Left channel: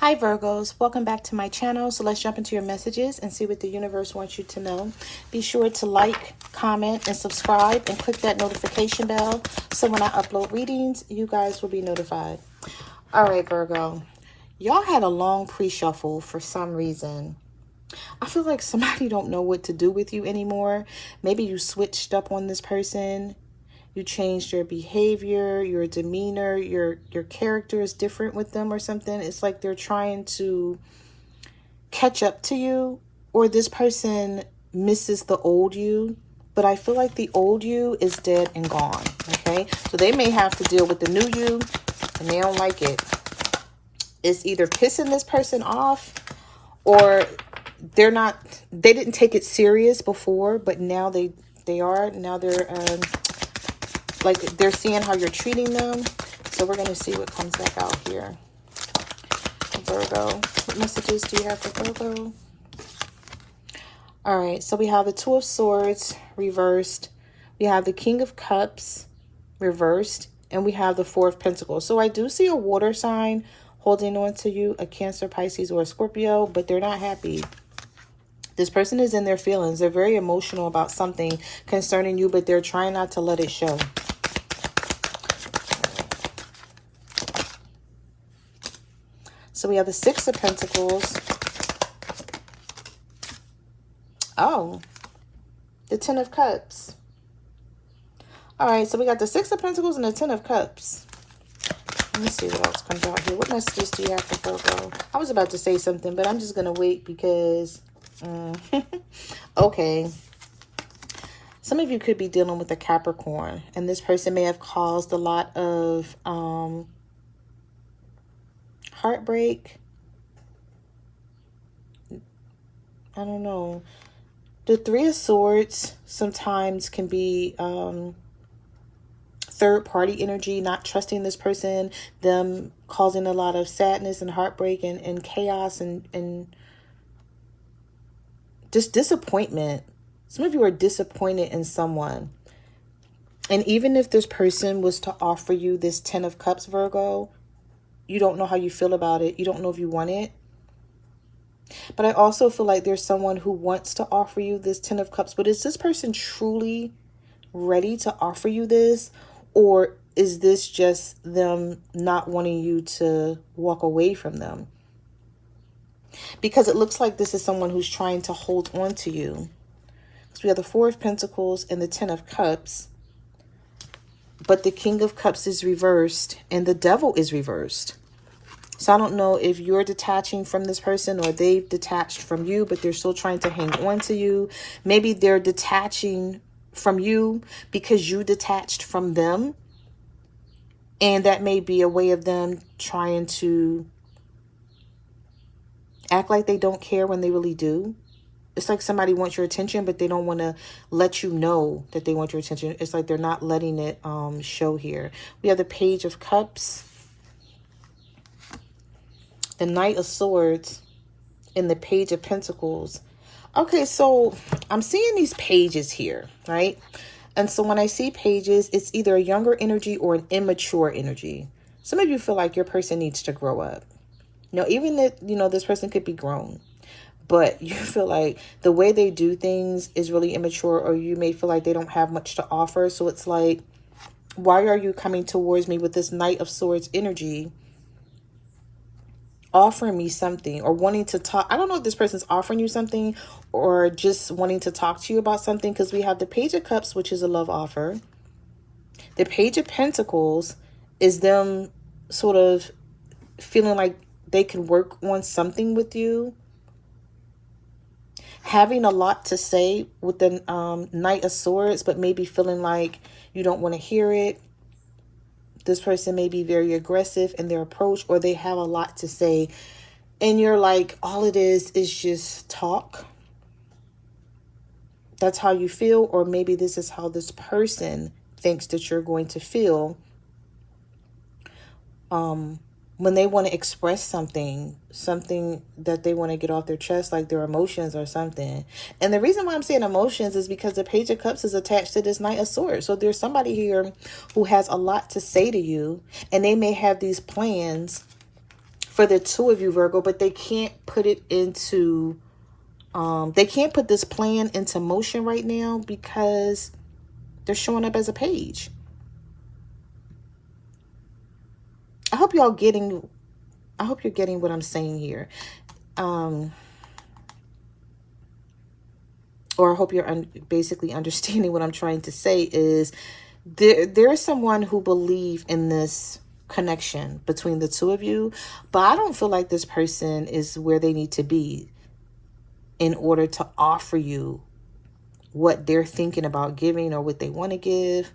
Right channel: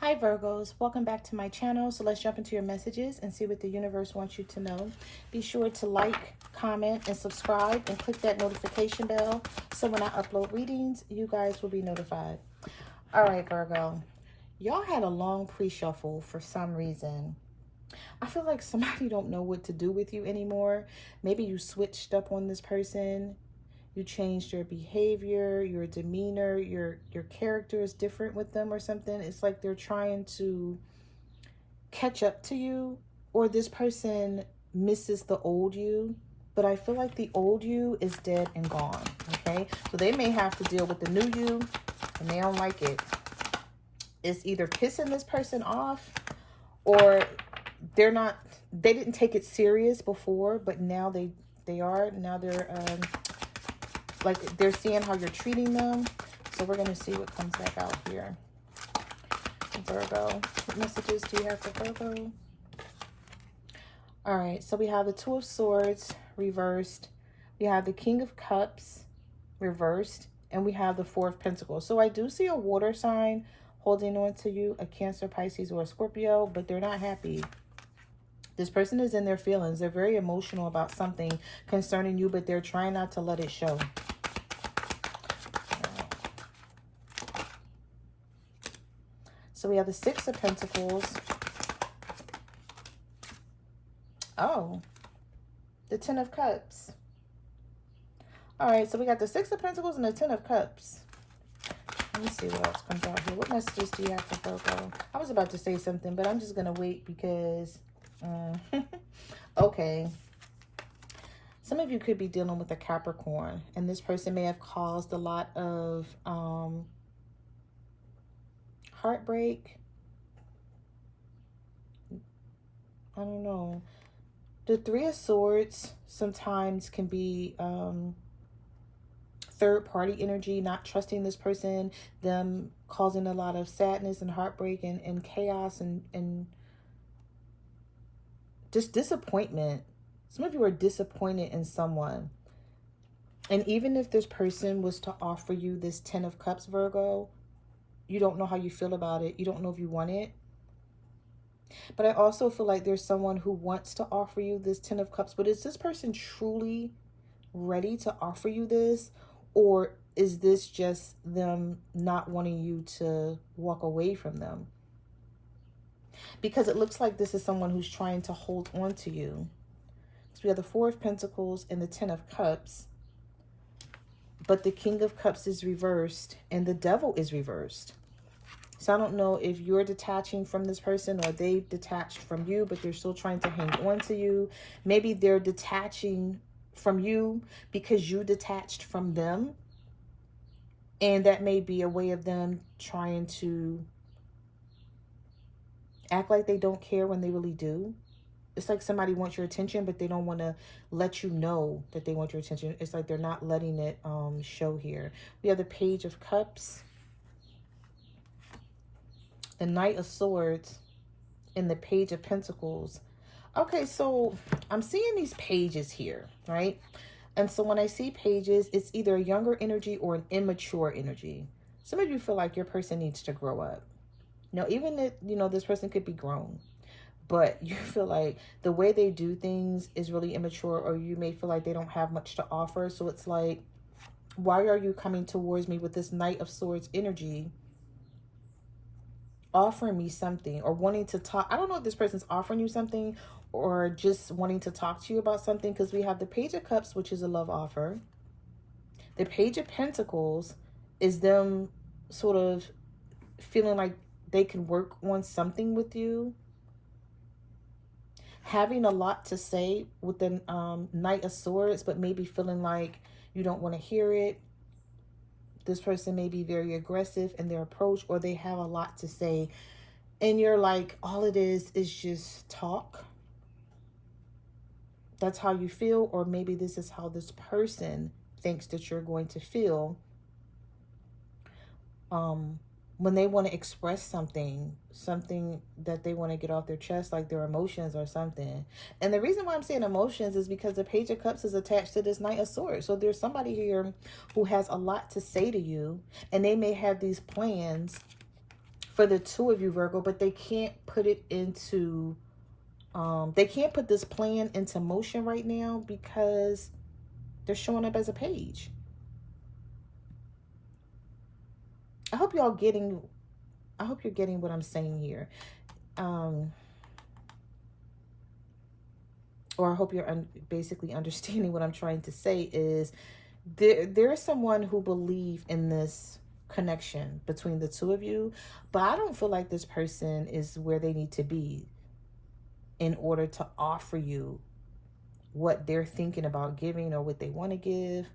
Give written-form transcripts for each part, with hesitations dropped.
Hi Virgos, welcome back to my channel. So let's jump into your messages and see what the universe wants you to know. Be sure to like, comment, and subscribe and click that notification bell so when I upload readings, you guys will be notified. All right, Virgo, y'all had a long pre-shuffle for some reason. I feel like somebody don't know what to do with you anymore. Maybe you switched up on this person. You changed your behavior, your demeanor, your character is different with them or something. It's like they're trying to catch up to you, or this person misses the old you. But I feel like the old you is dead and gone. Okay, so they may have to deal with the new you and they don't like it. It's either pissing this person off, or they didn't take it serious before, but now they are. Now they're like they're seeing how you're treating them. So we're going to see what comes back out here. Virgo, what messages do you have for Virgo? All right, so we have the Two of Swords reversed. We have the King of Cups reversed. And we have the Four of Pentacles. So I do see a water sign holding on to you, a Cancer, Pisces, or a Scorpio, but they're not happy. This person is in their feelings. They're very emotional about something concerning you, but they're trying not to let it show. So we have the Six of Pentacles. Oh, the Ten of Cups. All right, so we got the Six of Pentacles and the Ten of Cups. Let me see what else comes out here. What messages do you have for Virgo? I was about to say something, but I'm just going to wait because... okay. Some of you could be dealing with a Capricorn, and this person may have caused a lot of heartbreak. I don't know. The Three of Swords sometimes can be third party energy, not trusting this person, them causing a lot of sadness and heartbreak and chaos and just disappointment. Some of you are disappointed in someone. And even if this person was to offer you this Ten of Cups, Virgo, you don't know how you feel about it. You don't know if you want it. But I also feel like there's someone who wants to offer you this Ten of Cups. But is this person truly ready to offer you this? Or is this just them not wanting you to walk away from them? Because it looks like this is someone who's trying to hold on to you. So we have the Four of Pentacles and the Ten of Cups. But the King of Cups is reversed and the Devil is reversed. So I don't know if you're detaching from this person or they've detached from you, but they're still trying to hang on to you. Maybe they're detaching from you because you detached from them. And that may be a way of them trying to act like they don't care when they really do. It's like somebody wants your attention, but they don't want to let you know that they want your attention. It's like they're not letting it show here. We have the Page of Cups, the Knight of Swords, and the Page of Pentacles. Okay, so I'm seeing these pages here, right? And so when I see pages, it's either a younger energy or an immature energy. Some of you feel like your person needs to grow up. You know, even if, you know, this person could be grown, but you feel like the way they do things is really immature, or you may feel like they don't have much to offer. So it's like, why are you coming towards me with this Knight of Swords energy, offering me something or wanting to talk? I don't know if this person's offering you something or just wanting to talk to you about something, because we have the Page of Cups, which is a love offer. The Page of Pentacles is them sort of feeling like they can work on something with you. Having a lot to say with the Knight of Swords, but maybe feeling like you don't want to hear it. This person may be very aggressive in their approach, or they have a lot to say. And you're like, all it is just talk. That's how you feel. Or maybe this is how this person thinks that you're going to feel when they want to express something that they want to get off their chest, like their emotions or something. And the reason why I'm saying emotions is because the Page of Cups is attached to this Knight of Swords. So there's somebody here who has a lot to say to you, and they may have these plans for the two of you, Virgo, but they can't put it into, they can't put this plan into motion right now because they're showing up as a page. I hope you're getting what I'm saying here. Or I hope you're basically understanding what I'm trying to say is there is someone who believes in this connection between the two of you, but I don't feel like this person is where they need to be in order to offer you what they're thinking about giving or what they want to give.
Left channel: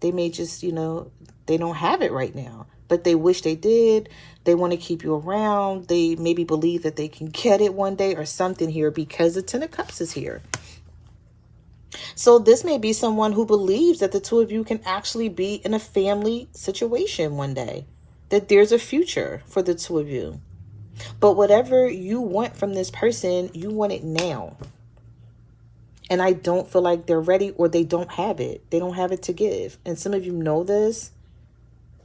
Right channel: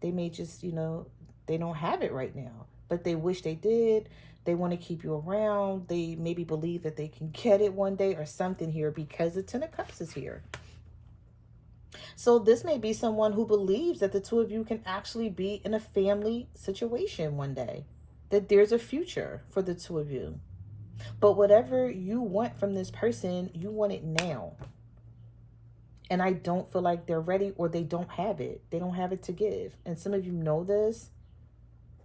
They may just, you know, they don't have it right now, but they wish they did. They want to keep you around. They maybe believe that they can get it one day or something here because the Ten of Cups is here. So this may be someone who believes that the two of you can actually be in a family situation one day, that there's a future for the two of you. But whatever you want from this person, you want it now. And I don't feel like they're ready, or they don't have it. They don't have it to give. And some of you know this.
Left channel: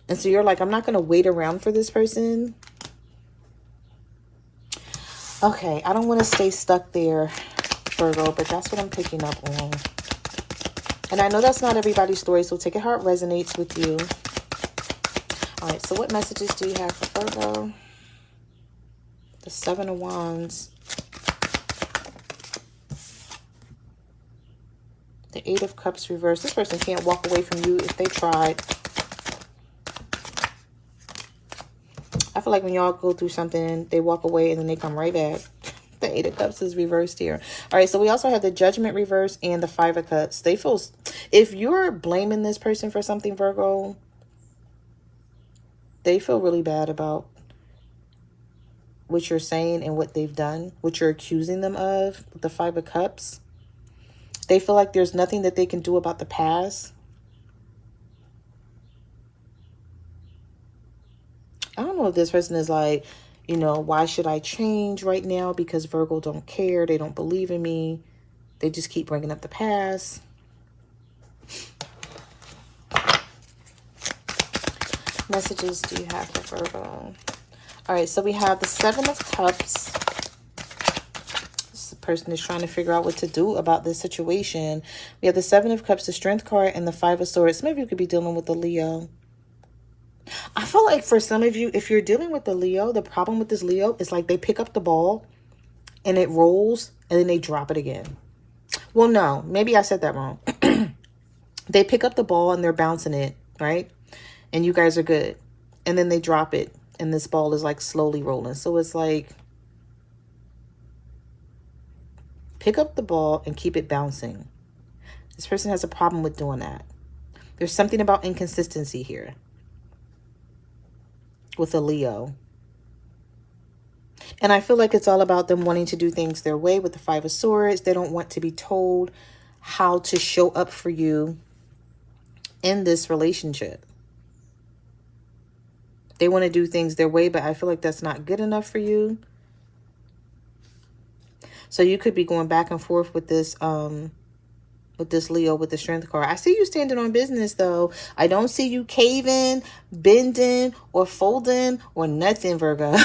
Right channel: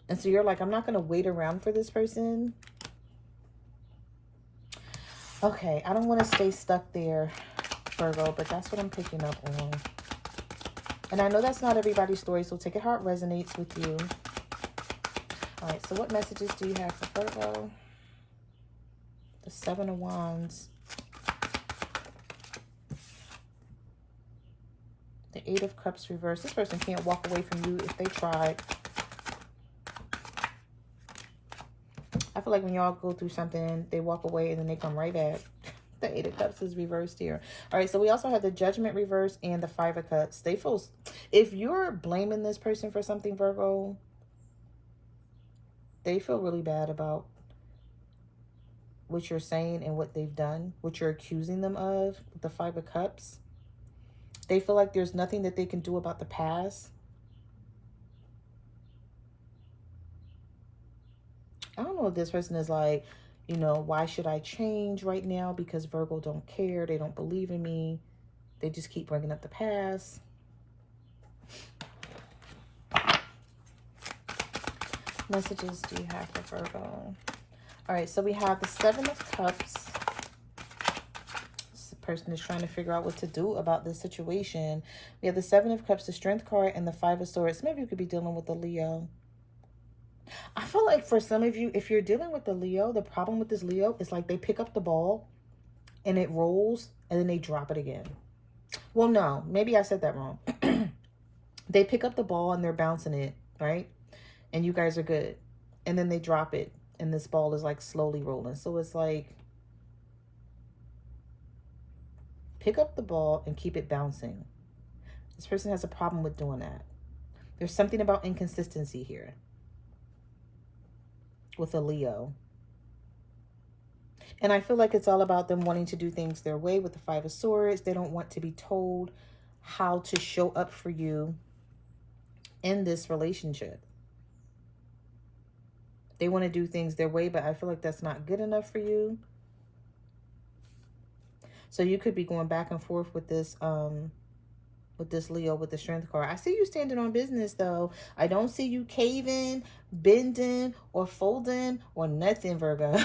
And so you're like, I'm not going to wait around for this person. Okay, I don't want to stay stuck there, Virgo, but that's what I'm picking up on. And I know that's not everybody's story, so take it how it resonates with you. All right, so what messages do you have for Virgo? The Seven of Wands. The Eight of Cups reversed. This person can't walk away from you if they tried. I feel like when y'all go through something, they walk away and then they come right back. The Eight of Cups is reversed here. All right, so we also have the Judgment reversed and the Five of Cups. They feel, if you're blaming this person for something, Virgo, they feel really bad about what you're saying and what they've done, what you're accusing them of with the Five of Cups. They feel like there's nothing that they can do about the past. I don't know if this person is like, you know, why should I change right now? Because Virgo don't care. They don't believe in me. They just keep bringing up the past. Messages do you have for Virgo? All right, so we have the Seven of Cups. This person is trying to figure out what to do about this situation. We have the Seven of Cups, the Strength card, and the Five of Swords. Some of you could be dealing with the Leo. I feel like for some of you, if you're dealing with the Leo, the problem with this Leo is like they pick up the ball and it rolls and then they drop it again. Well, no, maybe I said that wrong. They pick up the ball and they're bouncing it, right? And you guys are good. And then they drop it and this ball is like slowly rolling. So it's like, pick up the ball and keep it bouncing. This person has a problem with doing that. There's something about inconsistency here with a Leo. And I feel like it's all about them wanting to do things their way with the Five of Swords. They don't want to be told how to show up for you in this relationship. They want to do things their way, but I feel like that's not good enough for you. So you could be going back and forth with this Leo with the Strength card. I see you standing on business, though. I don't see you caving, bending, or folding, or nothing, Virgo.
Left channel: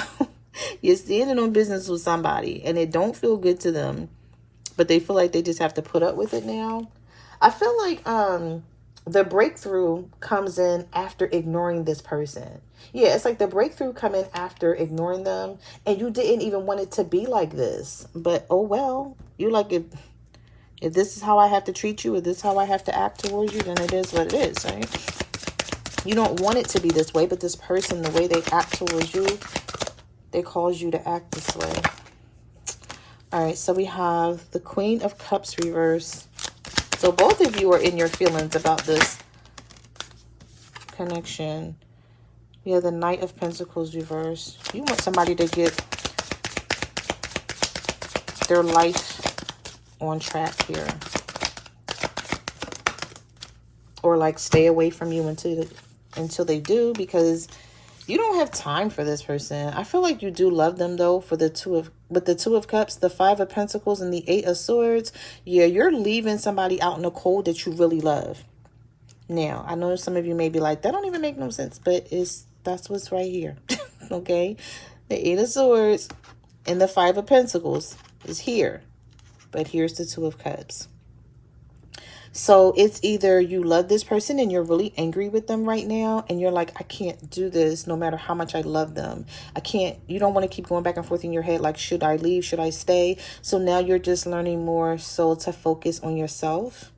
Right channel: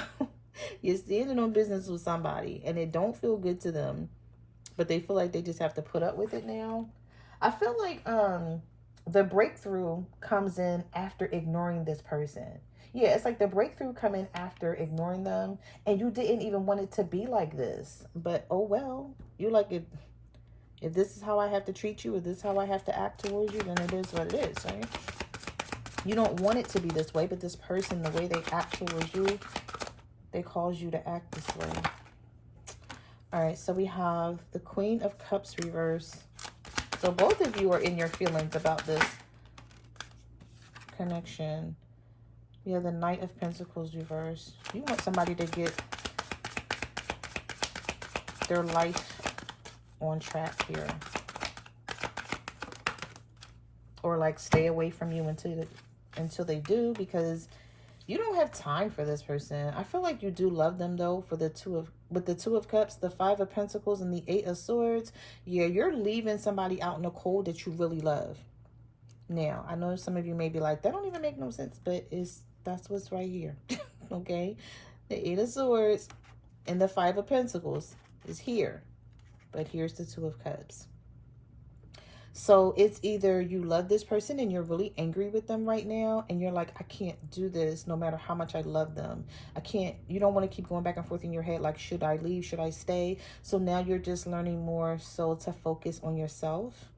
You're standing on business with somebody, and it don't feel good to them, but they feel like they just have to put up with it now. I feel like the breakthrough comes in after ignoring this person. Yeah, it's like the breakthrough come in after ignoring them, and you didn't even want it to be like this. But, oh, well, you like it. If this is how I have to treat you, or this is how I have to act towards you, then it is what it is, right? You don't want it to be this way, but this person, the way they act towards you, they cause you to act this way. All right, so we have the Queen of Cups reverse. So both of you are in your feelings about this connection. We have the Knight of Pentacles reverse. You want somebody to get their life on track here, or like stay away from you until they do, because you don't have time for this person. I feel like you do love them, though, for the Two of Cups, the Five of Pentacles, and the Eight of Swords. Yeah, you're leaving somebody out in the cold that you really love. Now, I know some of you may be like, that don't even make no sense, but that's what's right here. Okay? The Eight of Swords and the Five of Pentacles is here. But here's the Two of Cups. So it's either you love this person and you're really angry with them right now, and you're like, I can't do this no matter how much I love them. I can't, you don't want to keep going back and forth in your head like, should I leave? Should I stay? So now you're just learning more so to focus on yourself.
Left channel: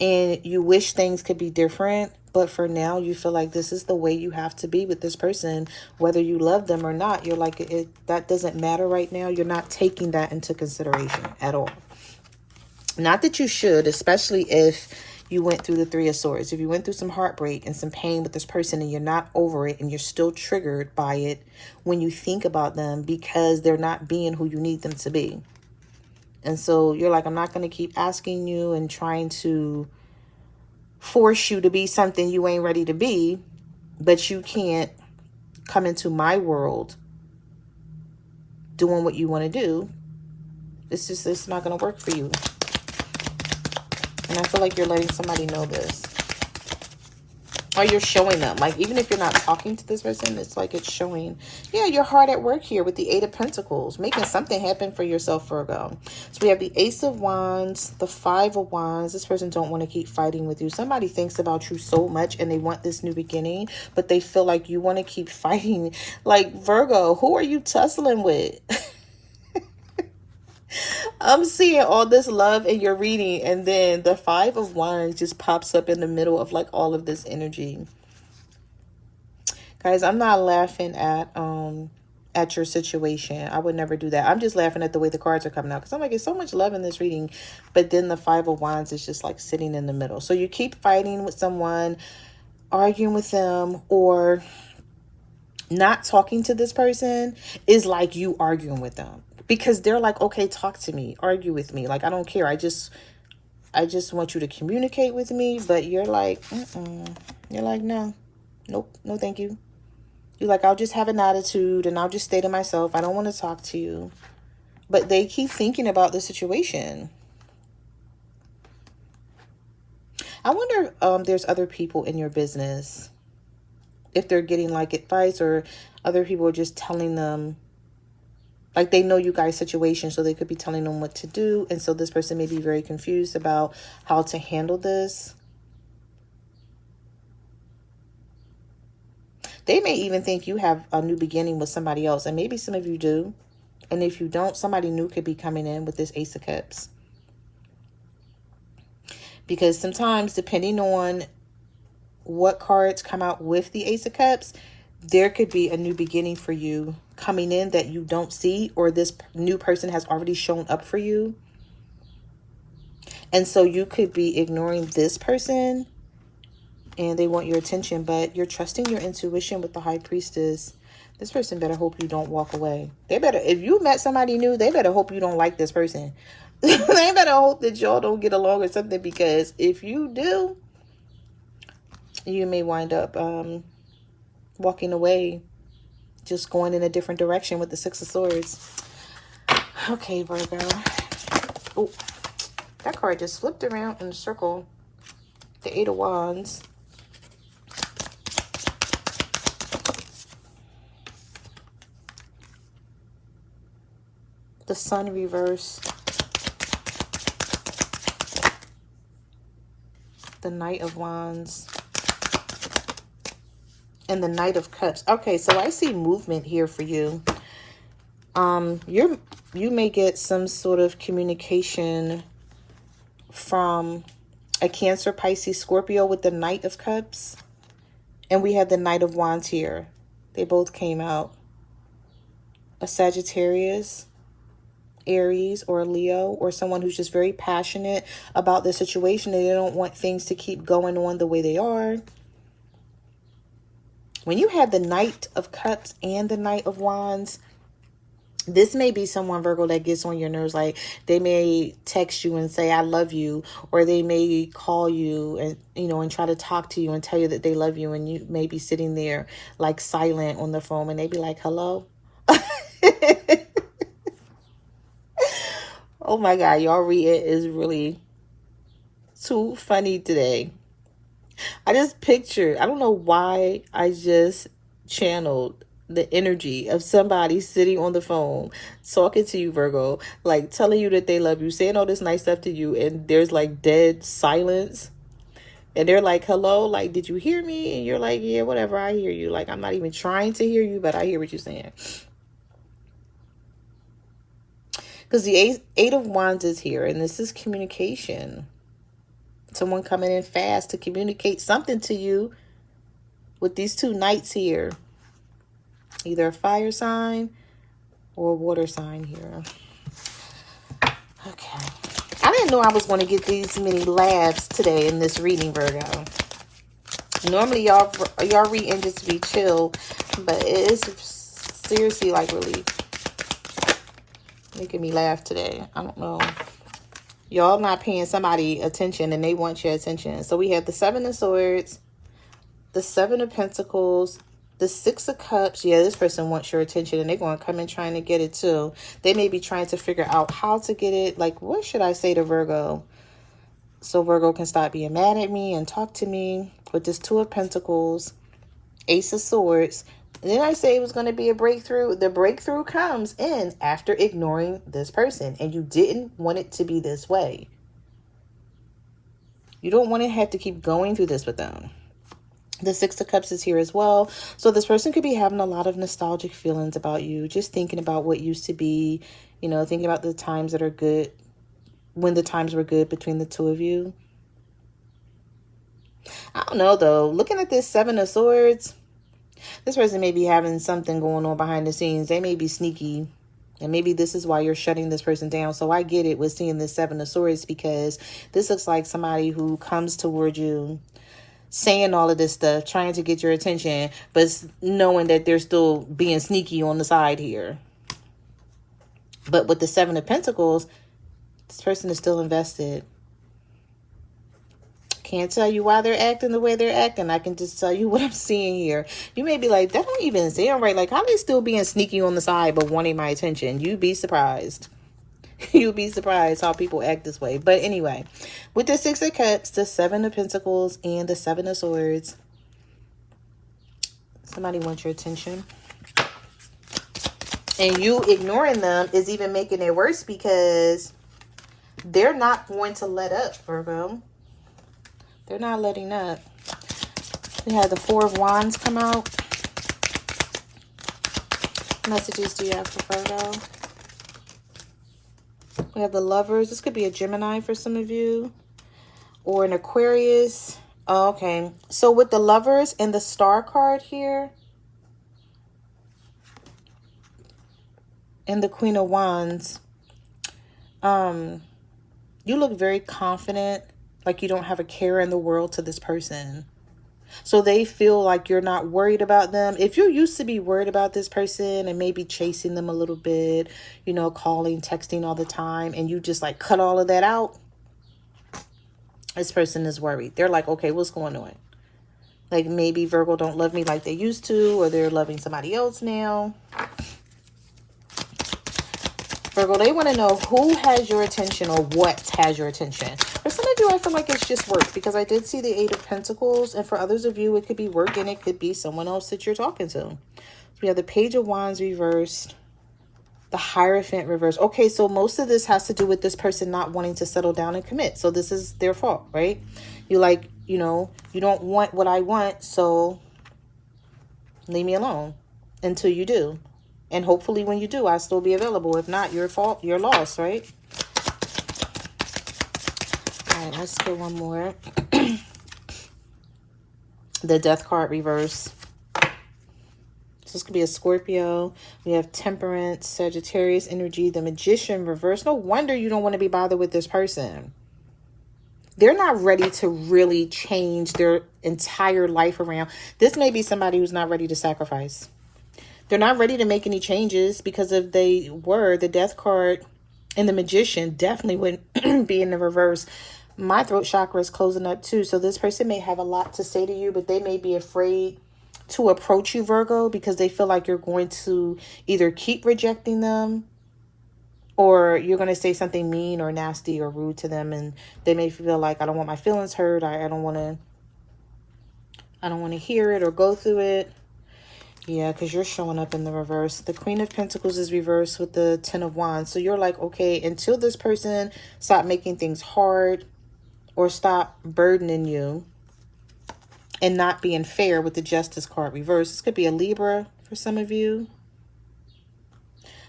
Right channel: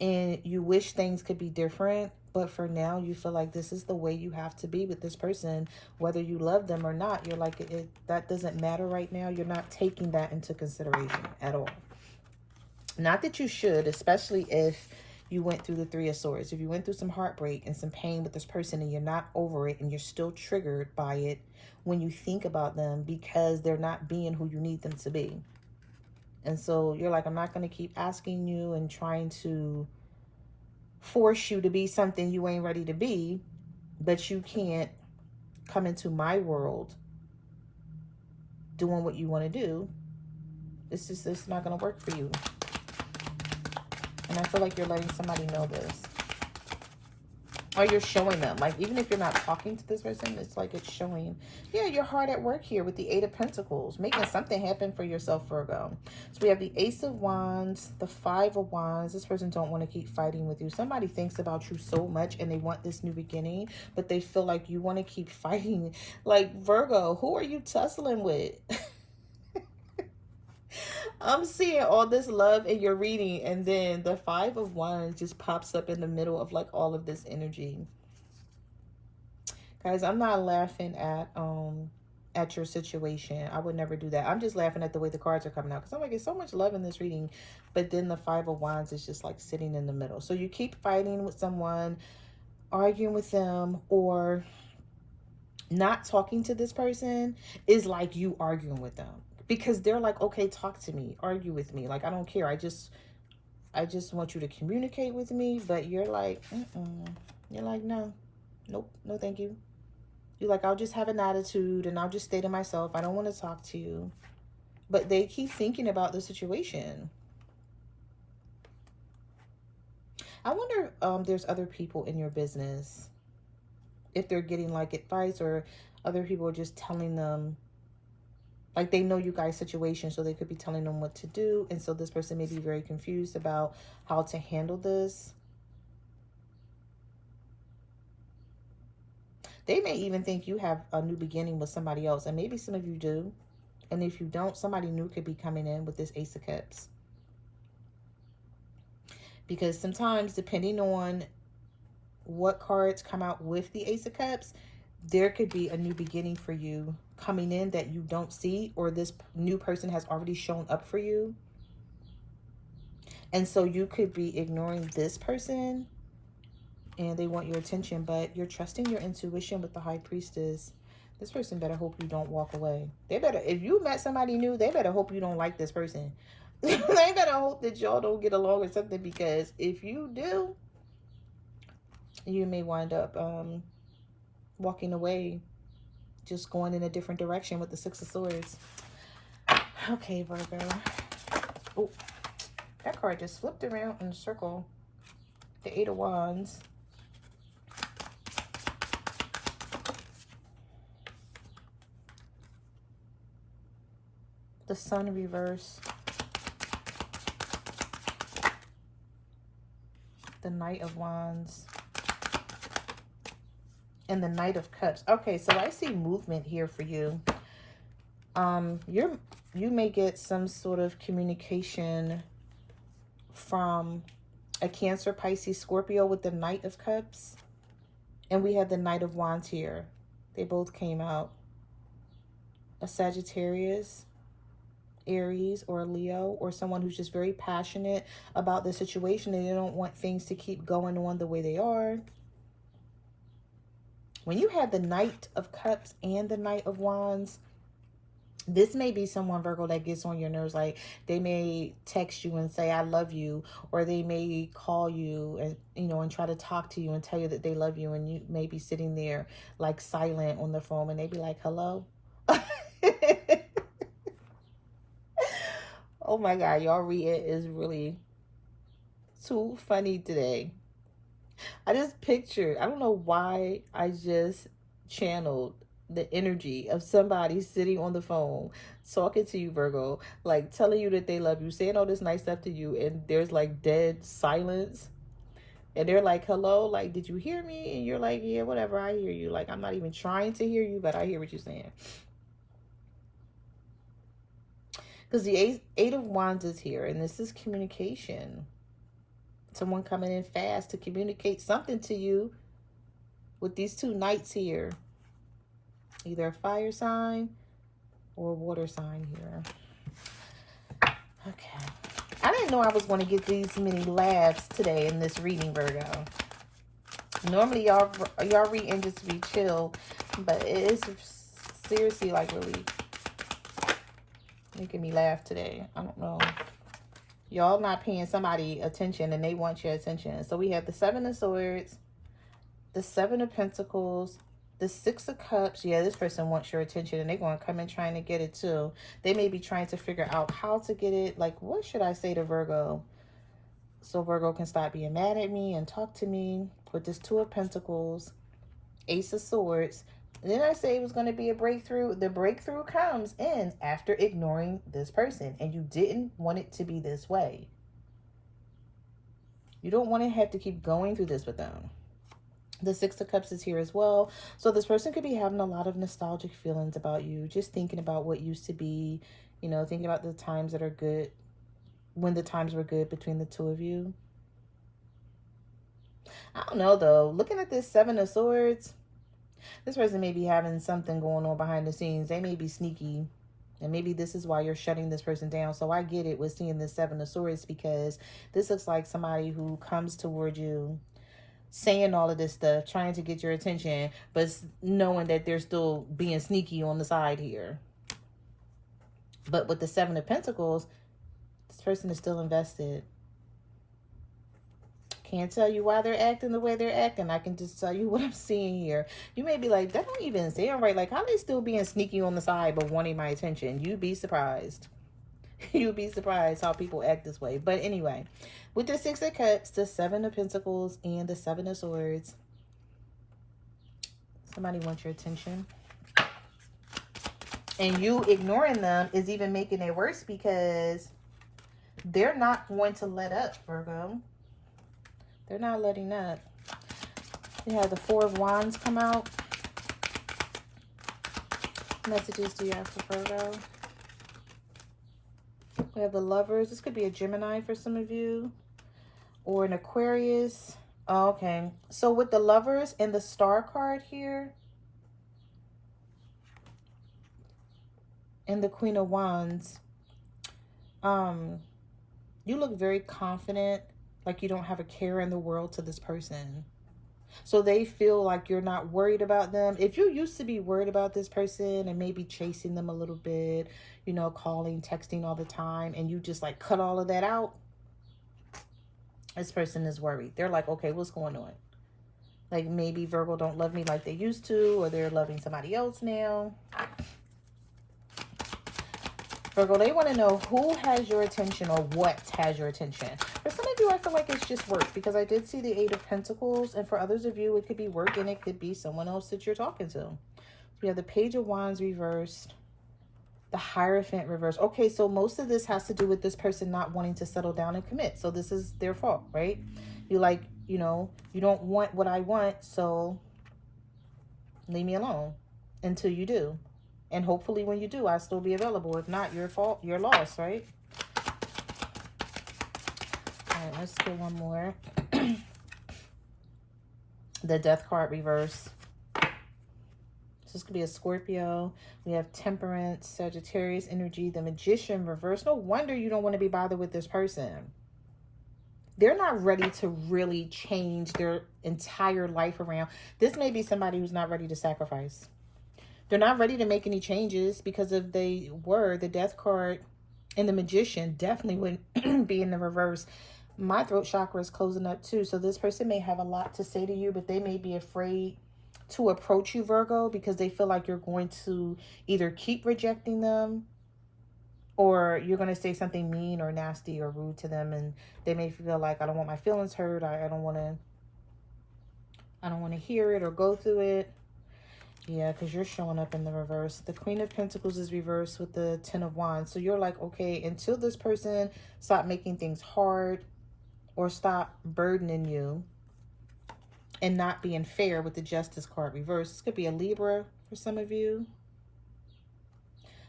And you wish things could be different, but for now you feel like this is the way you have to be with this person, whether you love them or not. You're like, that doesn't matter right now. You're not taking that into consideration at all. Not that you should, especially if you went through the Three of Swords. If you went through some heartbreak and some pain with this person and you're not over it and you're still triggered by it when you think about them because they're not being who you need them to be. And so you're like, I'm not going to keep asking you and trying to force you to be something you ain't ready to be, but you can't come into my world doing what you want to do. It's not going to work for you. And I feel like you're letting somebody know this. Or you're showing them. Like, even if you're not talking to this person, it's like it's showing. Yeah, you're hard at work here with the Eight of Pentacles. Making something happen for yourself, Virgo. So we have the Ace of Wands, the Five of Wands. This person don't want to keep fighting with you. Somebody thinks about you so much and they want this new beginning, but they feel like you want to keep fighting. Like, Virgo, who are you tussling with? I'm seeing all this love in your reading, and then the Five of Wands just pops up in the middle of like all of this energy. Guys, I'm not laughing at your situation. I would never do that. I'm just laughing at the way the cards are coming out, because I'm like, it's so much love in this reading, but then the Five of Wands is just like sitting in the middle. So you keep fighting with someone, arguing with them, or not talking to this person is like you arguing with them. Because they're like, okay, talk to me, argue with me. Like, I don't care. I just want you to communicate with me. But you're like, you're like, no, nope, no, thank you. You're like, I'll just have an attitude and I'll just stay to myself. I don't want to talk to you. But they keep thinking about the situation. I wonder if there's other people in your business, if they're getting like advice, or other people are just telling them. Like, they know you guys' situation, so they could be telling them what to do. And so this person may be very confused about how to handle this. They may even think you have a new beginning with somebody else. And maybe some of you do. And if you don't, somebody new could be coming in with this Ace of Cups. Because sometimes, depending on what cards come out with the Ace of Cups, there could be a new beginning for you coming in that you don't see, or this new person has already shown up for you. And so you could be ignoring this person and they want your attention, but you're trusting your intuition with the High Priestess. This person better hope you don't walk away. They better, if you met somebody new, they better hope you don't like this person. They better hope that y'all don't get along or something, because if you do, you may wind up walking away, just going in a different direction with the Six of Swords. Okay, Virgo. Oh, that card just flipped around in a circle. The Eight of Wands. The Sun reverse. The Knight of Wands. And the Knight of Cups. Okay, so I see movement here for you. You may get some sort of communication from a Cancer, Pisces, Scorpio with the Knight of Cups. And we have the Knight of Wands here. They both came out. A Sagittarius, Aries, or Leo, or someone who's just very passionate about the situation. They don't want things to keep going on the way they are. When you have the Knight of Cups and the Knight of Wands, this may be someone, Virgo, that gets on your nerves. Like, they may text you and say, I love you. Or they may call you and, and try to talk to you and tell you that they love you. And you may be sitting there like silent on the phone, and they be like, hello? Oh my God, y'all read it is really too funny today. I just pictured, I don't know why I just channeled the energy of somebody sitting on the phone talking to you, Virgo, like telling you that they love you, saying all this nice stuff to you, and there's like dead silence. And they're like, hello, like, did you hear me? And you're like, yeah, whatever, I hear you. Like, I'm not even trying to hear you, but I hear what you're saying. Because the eight of Wands is here, and this is communication. Someone coming in fast to communicate something to you with these two knights here. Either a fire sign or a water sign here. Okay. I didn't know I was going to get these many laughs today in this reading, Virgo. Normally, y'all reading just to be chill, but it is seriously like really making me laugh today. I don't know. Y'all not paying somebody attention and they want your attention. So we have the Seven of Swords, the Seven of Pentacles, the Six of Cups. Yeah, this person wants your attention and they're going to come in trying to get it too. They may be trying to figure out how to get it. Like, what should I say to Virgo? So Virgo can stop being mad at me and talk to me. With this Two of Pentacles, Ace of Swords. And then I say it was going to be a breakthrough. The breakthrough comes in after ignoring this person. And you didn't want it to be this way. You don't want to have to keep going through this with them. The Six of Cups is here as well. So this person could be having a lot of nostalgic feelings about you. Just thinking about what used to be. You know, thinking about the times that are good. When the times were good between the two of you. I don't know though. Looking at this Seven of Swords. This person may be having something going on behind the scenes. They may be sneaky. And maybe this is why you're shutting this person down. So I get it with seeing this Seven of Swords. Because this looks like somebody who comes toward you saying all of this stuff, trying to get your attention, but knowing that they're still being sneaky on the side here. But with the Seven of Pentacles, this person is still invested. Can't tell you why they're acting the way they're acting. I can just tell you what I'm seeing here. You may be like, that don't even sound right. Like, how they still being sneaky on the side but wanting my attention? You'd be surprised. You'd be surprised how people act this way. But anyway, with the Six of Cups, the Seven of Pentacles, and the Seven of Swords, somebody wants your attention. And you ignoring them is even making it worse because they're not going to let up, Virgo. They're not letting up. We have the Four of Wands come out. What messages do you have for Virgo? We have the Lovers. This could be a Gemini for some of you. Or an Aquarius. Oh, okay. So with the Lovers and the Star card here. And the Queen of Wands. You look very confident. Like you don't have a care in the world to this person. So they feel like you're not worried about them. If you used to be worried about this person and maybe chasing them a little bit, you know, calling, texting all the time, and you just like cut all of that out, this person is worried. They're like, okay, what's going on? Like maybe Virgo don't love me like they used to, or they're loving somebody else now. Virgo, they want to know who has your attention or what has your attention. For some of you, I feel like it's just work because I did see the Eight of Pentacles. And for others of you, it could be work and it could be someone else that you're talking to. So we have the Page of Wands reversed, the Hierophant reversed. Okay, so most of this has to do with this person not wanting to settle down and commit. So this is their fault, right? You like, you know, you don't want what I want, so leave me alone until you do. And hopefully when you do, I'll still be available. If not, your fault, your loss, right? All right, let's go one more. The Death card reverse. So this could be a Scorpio. We have Temperance, Sagittarius energy, the Magician reverse. No wonder you don't want to be bothered with this person. They're not ready to really change their entire life around. This may be somebody who's not ready to sacrifice. They're not ready to make any changes because if they were, the Death card and the Magician definitely would be in the reverse. My throat chakra is closing up too. So this person may have a lot to say to you, but they may be afraid to approach you, Virgo, because they feel like you're going to either keep rejecting them or you're going to say something mean or nasty or rude to them. And they may feel like, I don't want my feelings hurt. I don't want to I don't want to hear it or go through it. Yeah, because you're showing up in the reverse. The Queen of Pentacles is reversed with the Ten of Wands. So you're like, okay, until this person stop making things hard or stop burdening you and not being fair with the Justice card reversed. This could be a Libra for some of you.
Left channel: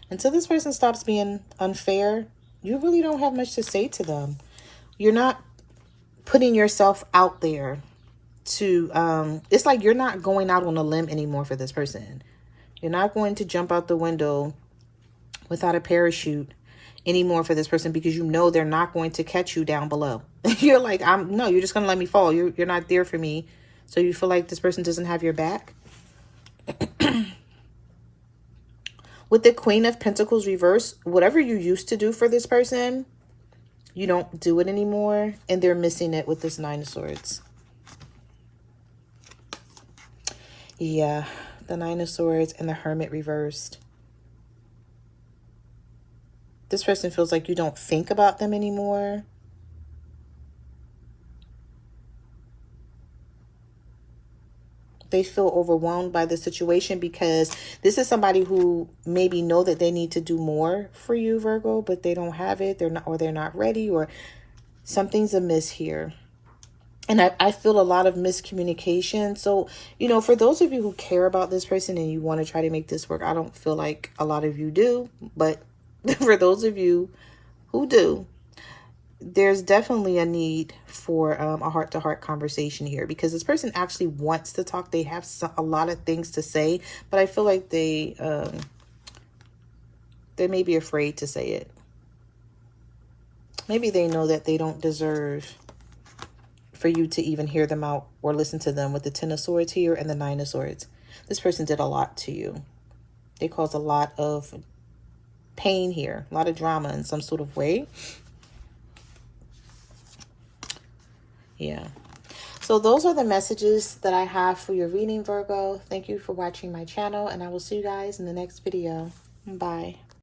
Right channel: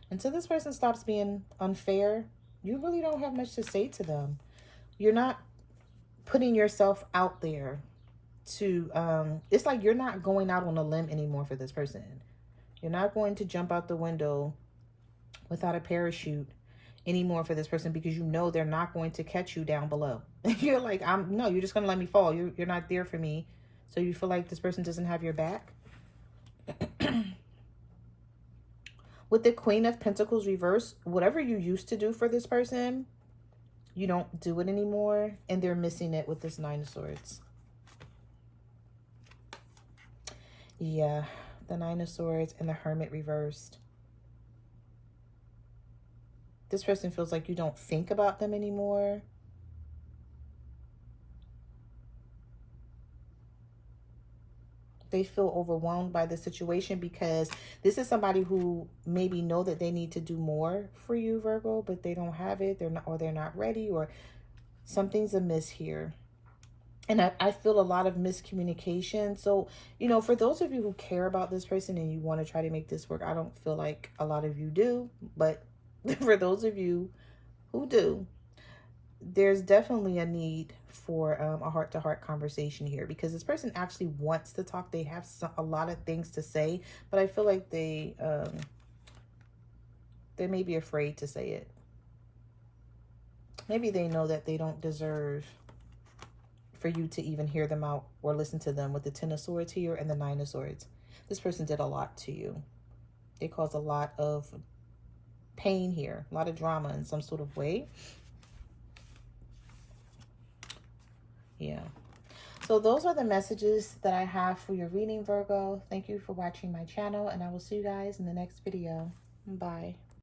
Until this person stops being unfair, you really don't have much to say to them. You're not putting yourself out there to, it's like you're not going out on a limb anymore for this person. You're not going to jump out the window without a parachute anymore for this person because you know they're not going to catch you down below. You're like, no, you're just going to let me fall. You're not there for me. So you feel like this person doesn't have your back. With the Queen of Pentacles reverse, whatever you used to do for this person, you don't do it anymore. And they're missing it with this Nine of Swords. Yeah, the Nine of Swords and the Hermit reversed. This person feels like you don't think about them anymore. They feel overwhelmed by the situation because this is somebody who maybe know that they need to do more for you, Virgo, but they don't have it. They're not ready, or something's amiss here. And I feel a lot of miscommunication. So, you know, for those of you who care about this person and you want to try to make this work, I don't feel like a lot of you do. But for those of you who do, there's definitely a need for a heart-to-heart conversation here, because this person actually wants to talk. They have a lot of things to say, but I feel like they may be afraid to say it. Maybe they know that they don't deserve for you to even hear them out or listen to them with the Ten of Swords here and the Nine of Swords. This person did a lot to you. They caused a lot of pain here, a lot of drama in some sort of way. Yeah. So those are the messages that I have for your reading, Virgo. Thank you for watching my channel, and I will see you guys in the next video. Bye.